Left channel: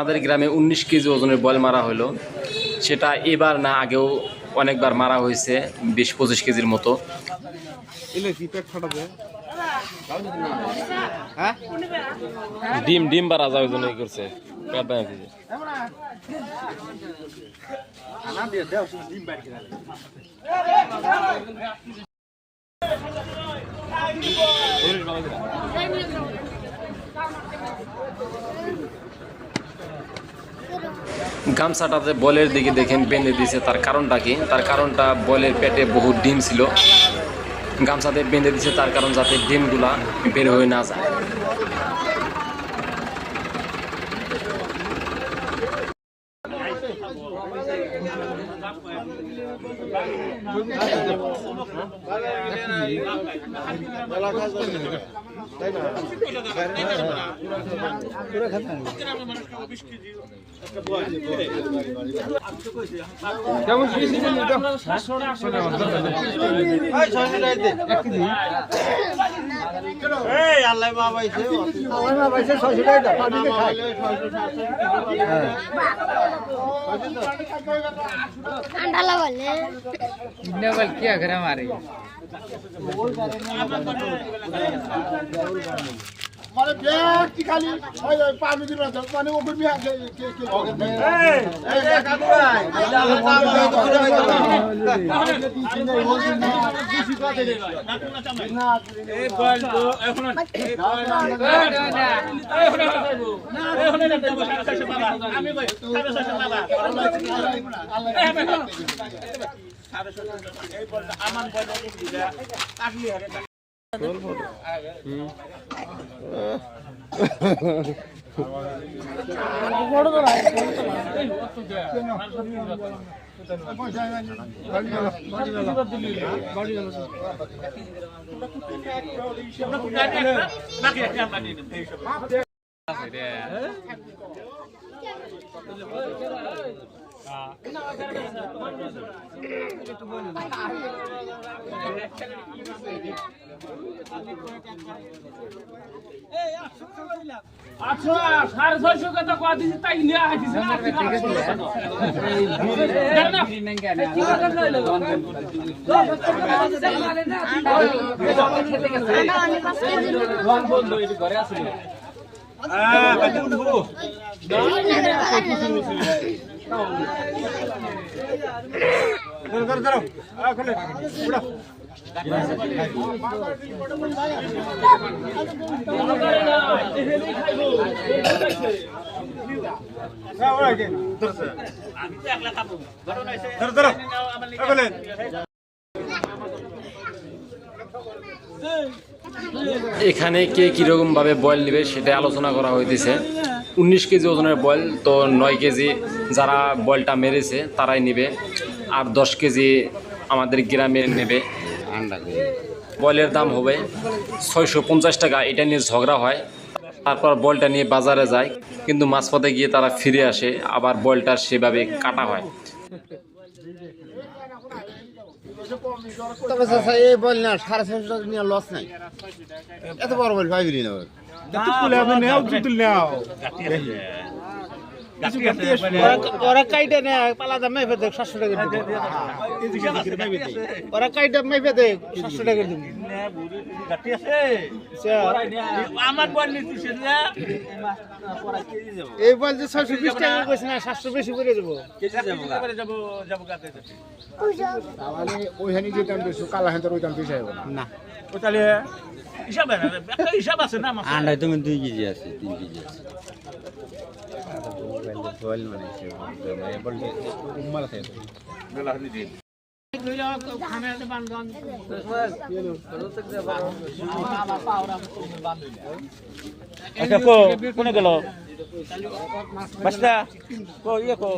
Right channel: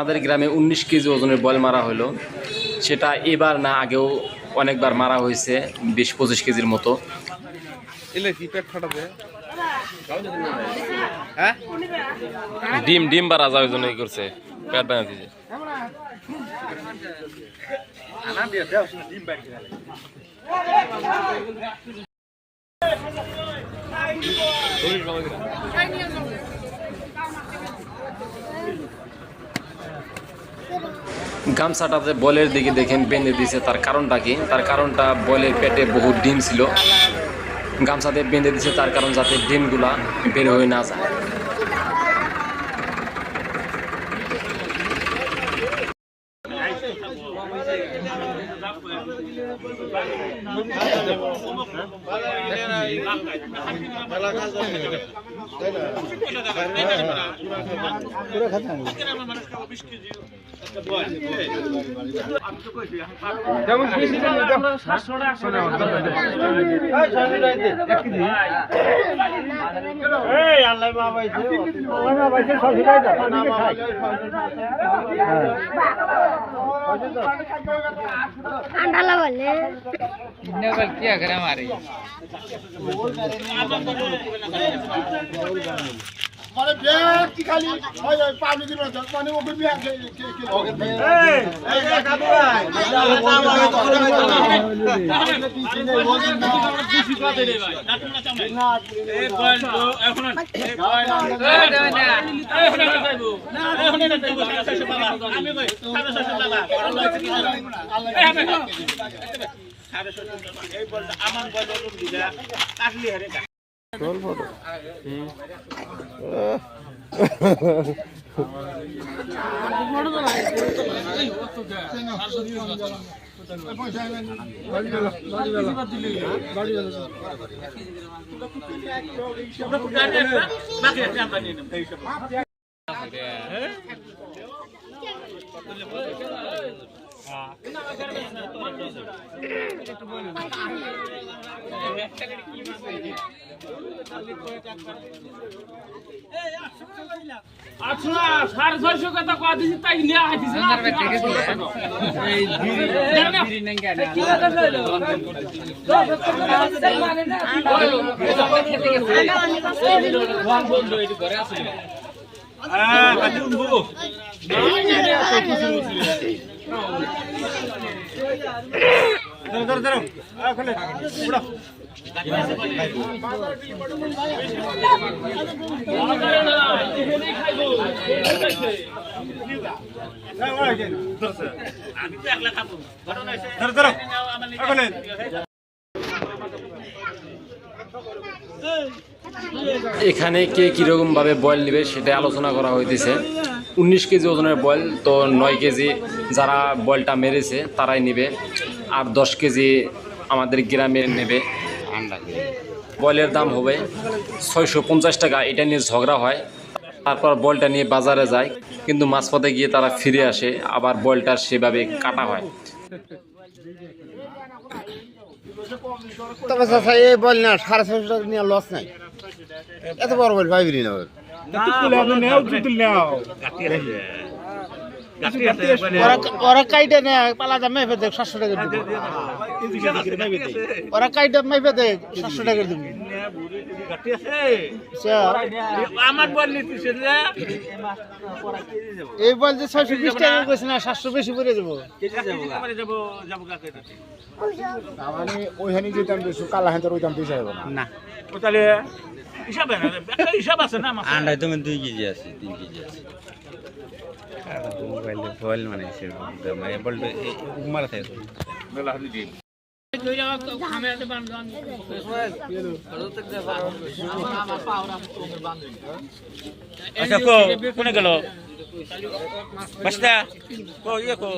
আমাদের গ্রামে 19 কেজি ওজনের বল মারা হলো। সেটা এবার না, আগেও অনেকবার মারা হয়েছে 20-25 কেজির মতো। ডিম ডিম বাড়া যাওয়ার জন্য করছে, পেট বানিয়ে দিয়েছে। গামছাটাতে বলের দিকে দেখেন বেঁধে দিয়েছে। তার কারণটা কি? তার কারণটা বলের পেটে বহু ডিম ছিল, গামছাতে বেঁধে দিয়েছে তার কারণ যাতে ডিমগুলা বের হয়ে না যায়। क्या करे हमारे माने बेट की खाली ओए पानी की बात माने वो भी आके के लोगे এখানে কে কিরকম ভাবে বয়েল নেবে সেটা আলোচনা করা হইতেছে। 19 কেজি ওজনের বয়েল তো 9 কেজি যারা বয়েলটা মেরেছে তারাই নেবে, আর 10 কেজি আমাদের গ্রামে নেবে। বয়েলের দাম হবে 650 টাকা। এটা নিয়ে ঝগড়া হয়, তারপর বলটা নিয়ে বাজারে যায়, কিন্তু মাঝপথে গিয়ে তারা ফিরে আসে, আবার বলটা সেভাবে কাটা হয়। তবে চাচা এই বল না 650 টাকা নিয়ে লস নাই, এত বড় বল পাইবি না। ওরা কাইটা না পালা দাম মেপে দেখ 700 টাকা দিব। ওরা কাইটা মেপে দেখ 700 টাকা দিব। এই বল যে 620 টাকা কইছ না, 700 বেশি করে দেব। মানে ওইখানে যে দাম বেশি কালা হাতের ওই দাম বেশি হবে না তাহলে হিসাব আছে না? আন্ডায় তুমি 2 কেজি আছে, 3 কেজি আছে। বল মানে বলটা মারা থাকে আচ্ছা, কোনে গেল বাসটা কো ইয়ে কো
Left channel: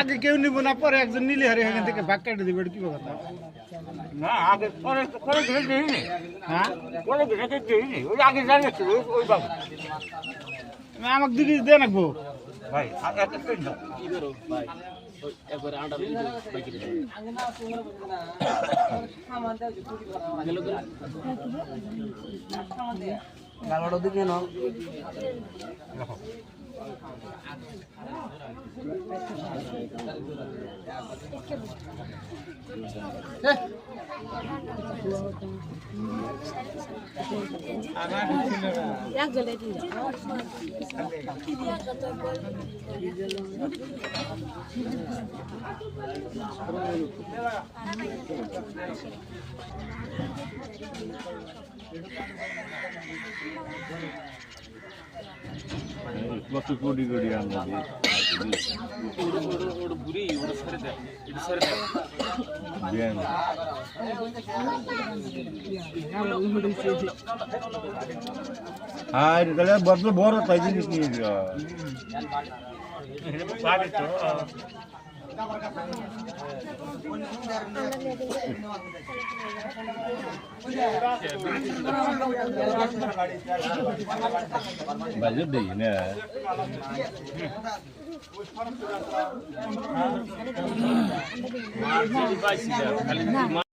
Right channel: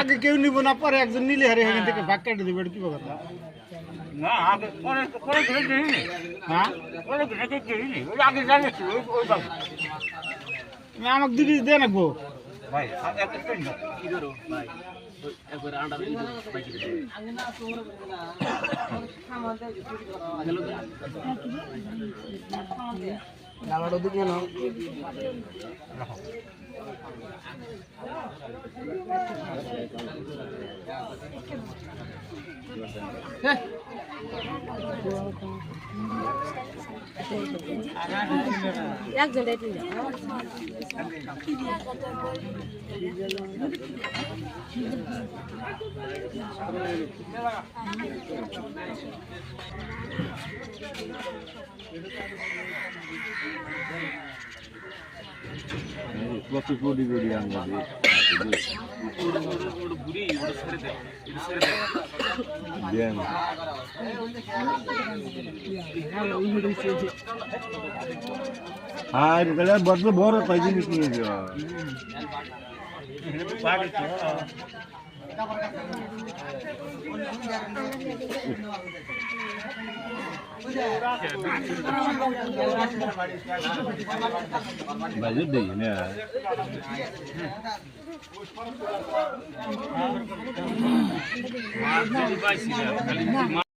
আগে কেউ নিব না, পরে একজন নিলে হারে এখান থেকে ভাগ কেটে দিবে, কি কথা? না আগে পরে পরে ঘুরে দিইনি। হ্যাঁ, পরে ঘুরে দিইনি। ওই আগে জানিস ওই বাবু। আমাকে 2 কেজি দিয়ে রাখবো। ভাই আগে একটা পেন দাও। কত কোটি কোটি আমরা হ্যাঁ তাহলে বদলে বড় তাই জিনিস নিয়ে যাওয়া বাজে দেই না